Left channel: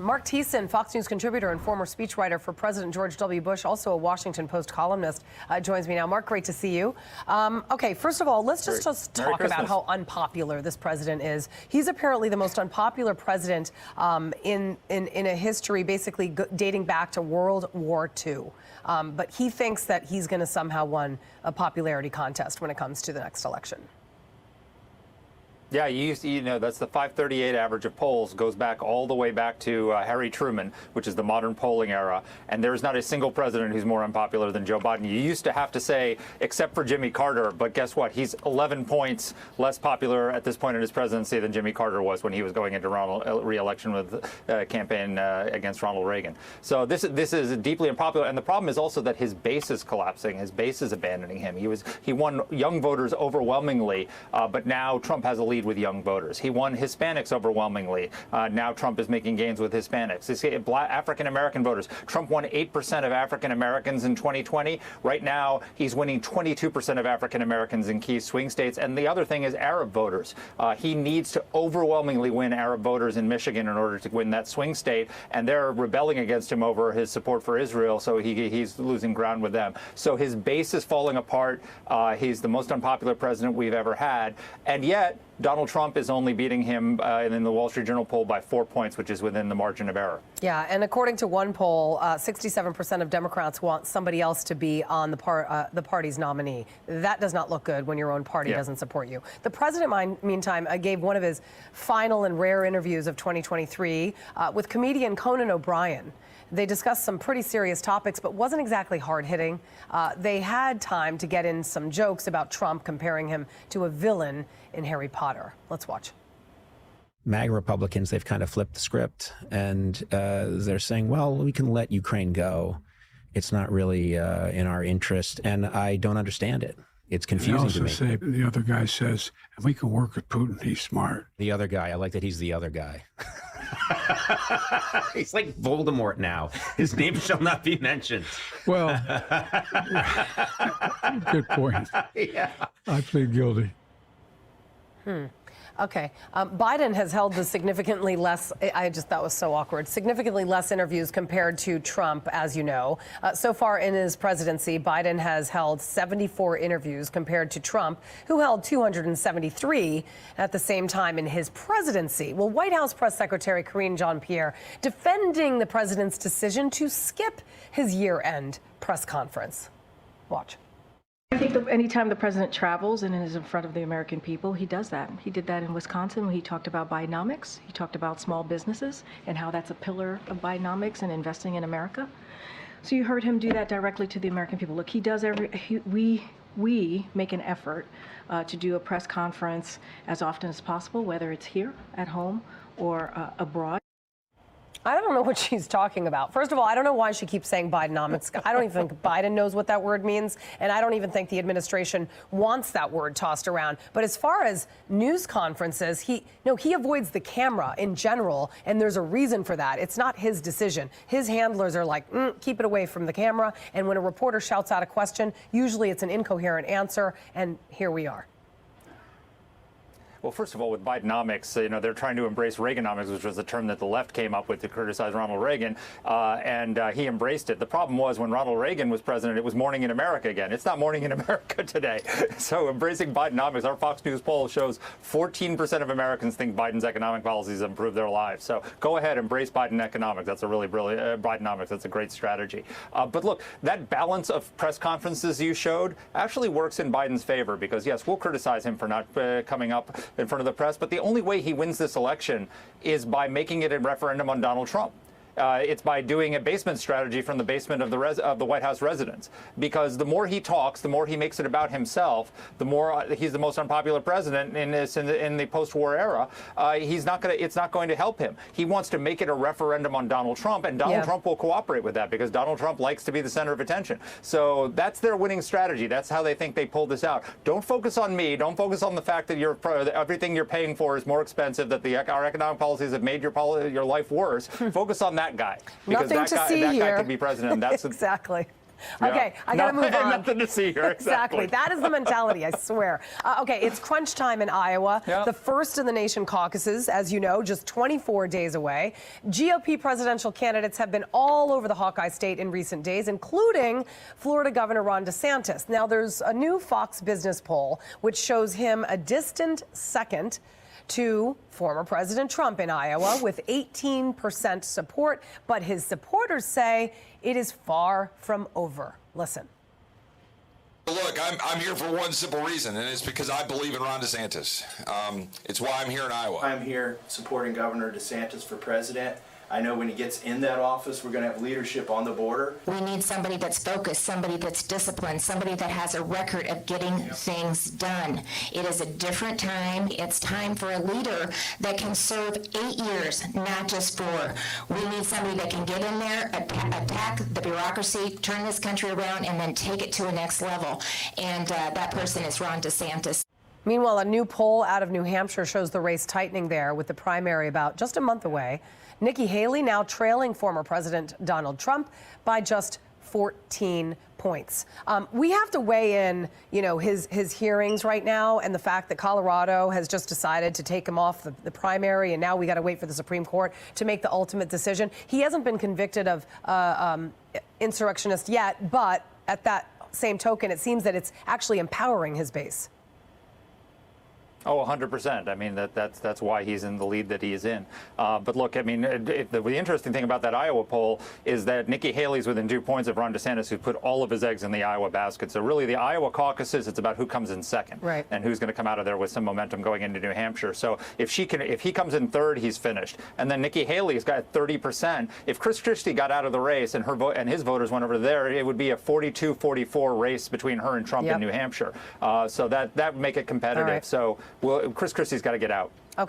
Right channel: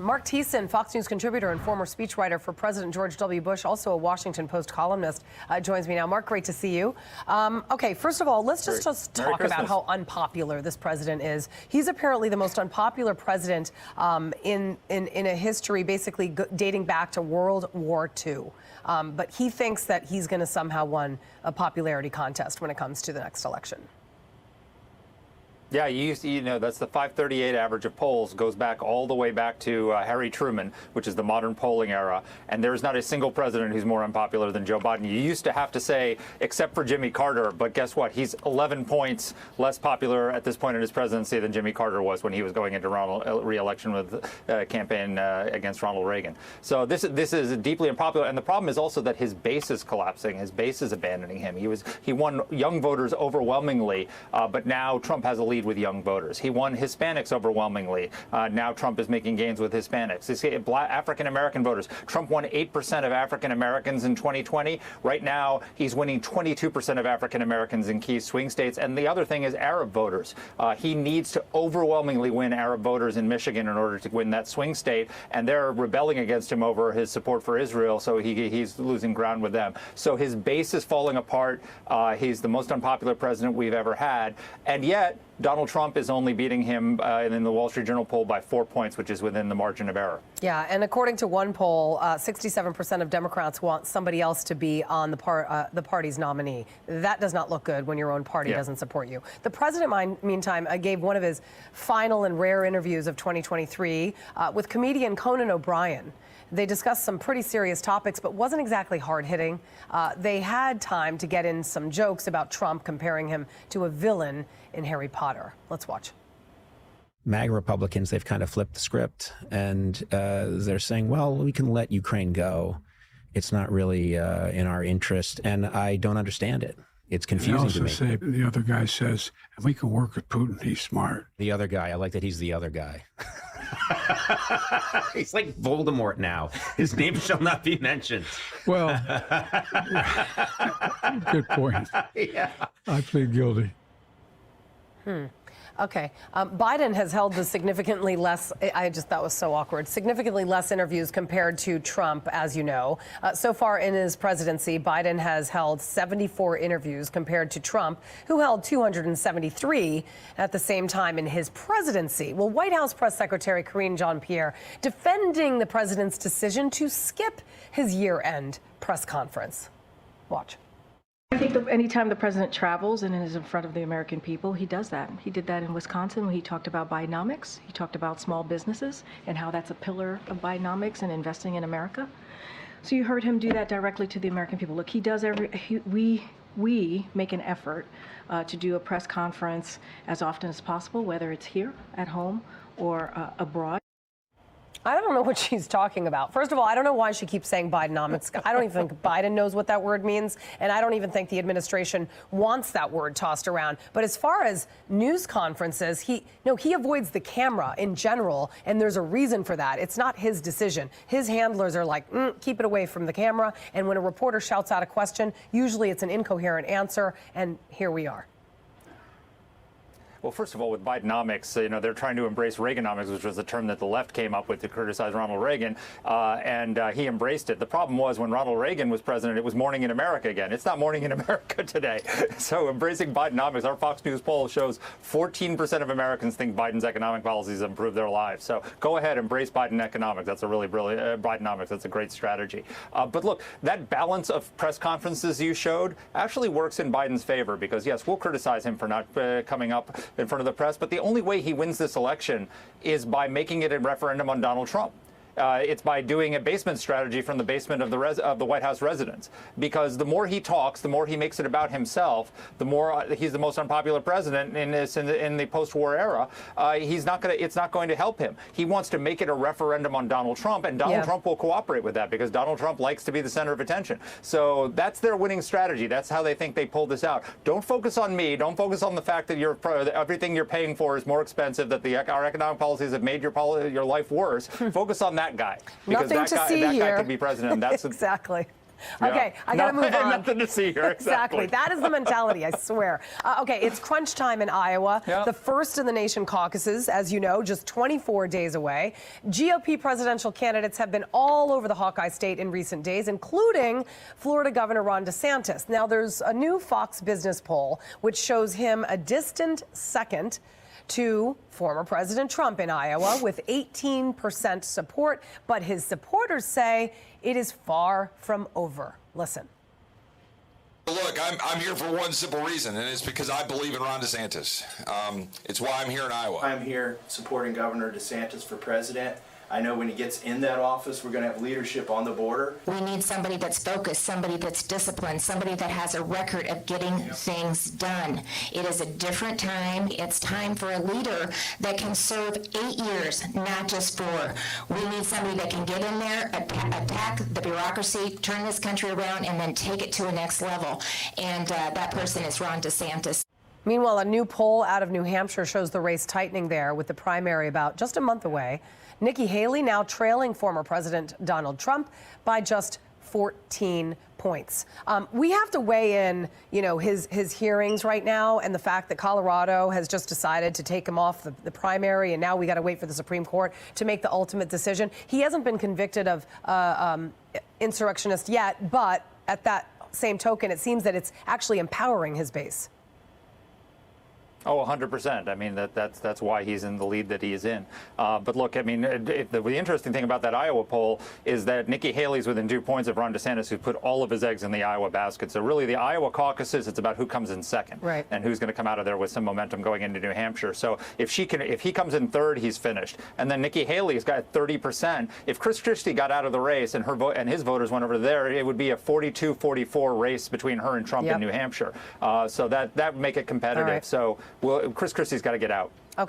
Mark Thiessen, Fox News contributor and former speechwriter for President George W. Bush, also a Washington Post columnist, joins me now. Mark, great to see you. Okay, first of all, let's just talk about how unpopular this president is. He's apparently the most unpopular president in a history basically dating back to World War II. But he thinks that he's going to somehow win a popularity contest when it comes to the next election. Yeah, you know, that's the 538 average of polls, goes back all the way back to Harry Truman, which is the modern polling era. And there's not a single president who's more unpopular than Joe Biden. You used to have to say, except for Jimmy Carter, but guess what? He's 11 points less popular at this point in his presidency than Jimmy Carter was when he was going into re-election with campaign against Ronald Reagan. So this is deeply unpopular. And the problem is also that his base is collapsing. His base is abandoning him. He won young voters overwhelmingly, but now Trump has a lead with young voters. He won Hispanics overwhelmingly. Now Trump is making gains with Hispanics. African-American voters. Trump won 8% of African-Americans in 2020. Right now, he's winning 22% of African-Americans in key swing states. And the other thing is Arab voters. He needs to overwhelmingly win Arab voters in Michigan in order to win that swing state. And they're rebelling against him over his support for Israel. So he's losing ground with them. So his base is falling apart. He's the most unpopular president we've ever had. And yet, Donald Trump is only beating him in the Wall Street Journal poll by 4 points, which is within the margin of error. Yeah, and according to one poll, 67% of Democrats want somebody else to be on the party's nominee. That does not look good when your own party doesn't support you. The president, meantime, gave one of his final and rare interviews of 2023 with comedian Conan O'Brien. They discussed some pretty serious topics, but wasn't exactly hard-hitting. They had time to get in some jokes about Trump, comparing him to a villain in Harry Potter. Let's watch. MAGA Republicans, they've kind of flipped the script, and they're saying, well, we can let Ukraine go. It's not really in our interest, and I don't understand it. It's confusing to me. Say, the other guy says, if we can work with Putin, he's smart. The other guy, I like that he's the other guy. He's like Voldemort now. His name shall not be mentioned. Well, good point. Yeah. I plead guilty. Okay. Biden has held the significantly less, that was so awkward, significantly less interviews compared to Trump, as you know. So far in his presidency, Biden has held 74 interviews compared to Trump, who held 273 at the same time in his presidency. Well, White House Press Secretary Karine Jean-Pierre defending the president's decision to skip his year-end press conference. Watch. I think that anytime the president travels and is in front of the American people, he does that. He did that in Wisconsin when he talked about Bidenomics. He talked about small businesses and how that's a pillar of Bidenomics and investing in America. So you heard him do that directly to the American people. Look, he does we make an effort to do a press conference as often as possible, whether it's here at home or abroad. I don't know what she's talking about. First of all, I don't know why she keeps saying Bidenomics. I don't even think Biden knows what that word means, and I don't even think the administration wants that word tossed around. But as far as news conferences, he avoids the camera in general, and there's a reason for that. It's not his decision. His handlers are like, keep it away from the camera, and when a reporter shouts out a question, usually it's an incoherent answer, and here we are. Well, first of all, with Bidenomics, they're trying to embrace Reaganomics, which was a term that the left came up with to criticize Ronald Reagan, and he embraced it. The problem was when Ronald Reagan was president, it was morning in America again. It's not morning in America today. So embracing Bidenomics, our Fox News poll shows 14% of Americans think Biden's economic policies improve their lives. So go ahead, embrace Biden economics. That's a really brilliant, Bidenomics. That's a great strategy. But look, that balance of press conferences you showed actually works in Biden's favor because, yes, we'll criticize him for not coming up in front of the press, but the only way he wins this election is by making it a referendum on Donald Trump. It's by doing a basement strategy from the basement of the White House residence. Because the more he talks, the more he makes it about himself, the more he's the most unpopular president in the post-war era. It's not going to help him. He wants to make it a referendum on Donald Trump, and Donald Trump will cooperate with that because Donald Trump likes to be the center of attention. So that's their winning strategy. That's how they think they pulled this out. Don't focus on me. Don't focus on the fact that everything you're paying for is more expensive, that our economic policies have made your life worse. Focus on that guy. Because Nothing to see here. That guy could be president. That's exactly. Okay, I got to move on. Nothing to see here. Exactly. That is the mentality, I swear. Okay, it's crunch time in Iowa. Yep. The first in the nation caucuses, as you know, just 24 days away. GOP presidential candidates have been all over the Hawkeye state in recent days, including Florida Governor Ron DeSantis. Now, there's a new Fox Business poll which shows him a distant second to former President Trump in Iowa with 18% support, but his supporters say it is far from over. Listen. Look, I'm here for one simple reason, and it's because I believe in Ron DeSantis. It's why I'm here in Iowa. I'm here supporting Governor DeSantis for president. I know when he gets in that office, we're going to have leadership on the border. We need somebody that's focused, somebody that's disciplined, somebody that has a record of getting things done. It is a different time. It's time for a leader that can serve 8 years, not just 4. We need somebody that can get in there, attack the bureaucracy, turn this country around, and then take it to a next level. And that person is Ron DeSantis. Meanwhile, a new poll out of New Hampshire shows the race tightening there with the primary about just a month away. Nikki Haley now trailing former President Donald Trump by just 14 points. We have to weigh in, his hearings right now and the fact that Colorado has just decided to take him off the primary, and now we got to wait for the Supreme Court to make the ultimate decision. He hasn't been convicted of insurrectionist yet, but at that same token, it seems that it's actually empowering his base. Oh, 100%. I mean, that's why he's in the lead that he is in. But look, I mean, the interesting thing about that Iowa poll is that Nikki Haley's within 2 points of Ron DeSantis, who put all of his eggs in the Iowa basket. So really, the Iowa caucuses, it's about who comes in second, right, and who's going to come out of there with some momentum going into New Hampshire. So if he comes in third, he's finished. And then Nikki Haley's got 30%. If Chris Christie got out of the race and her vote and his voters went over there, it would be a 42-44 race between her and Trump in New Hampshire. So that would make it competitive. Right. So Chris Christie's got to get out.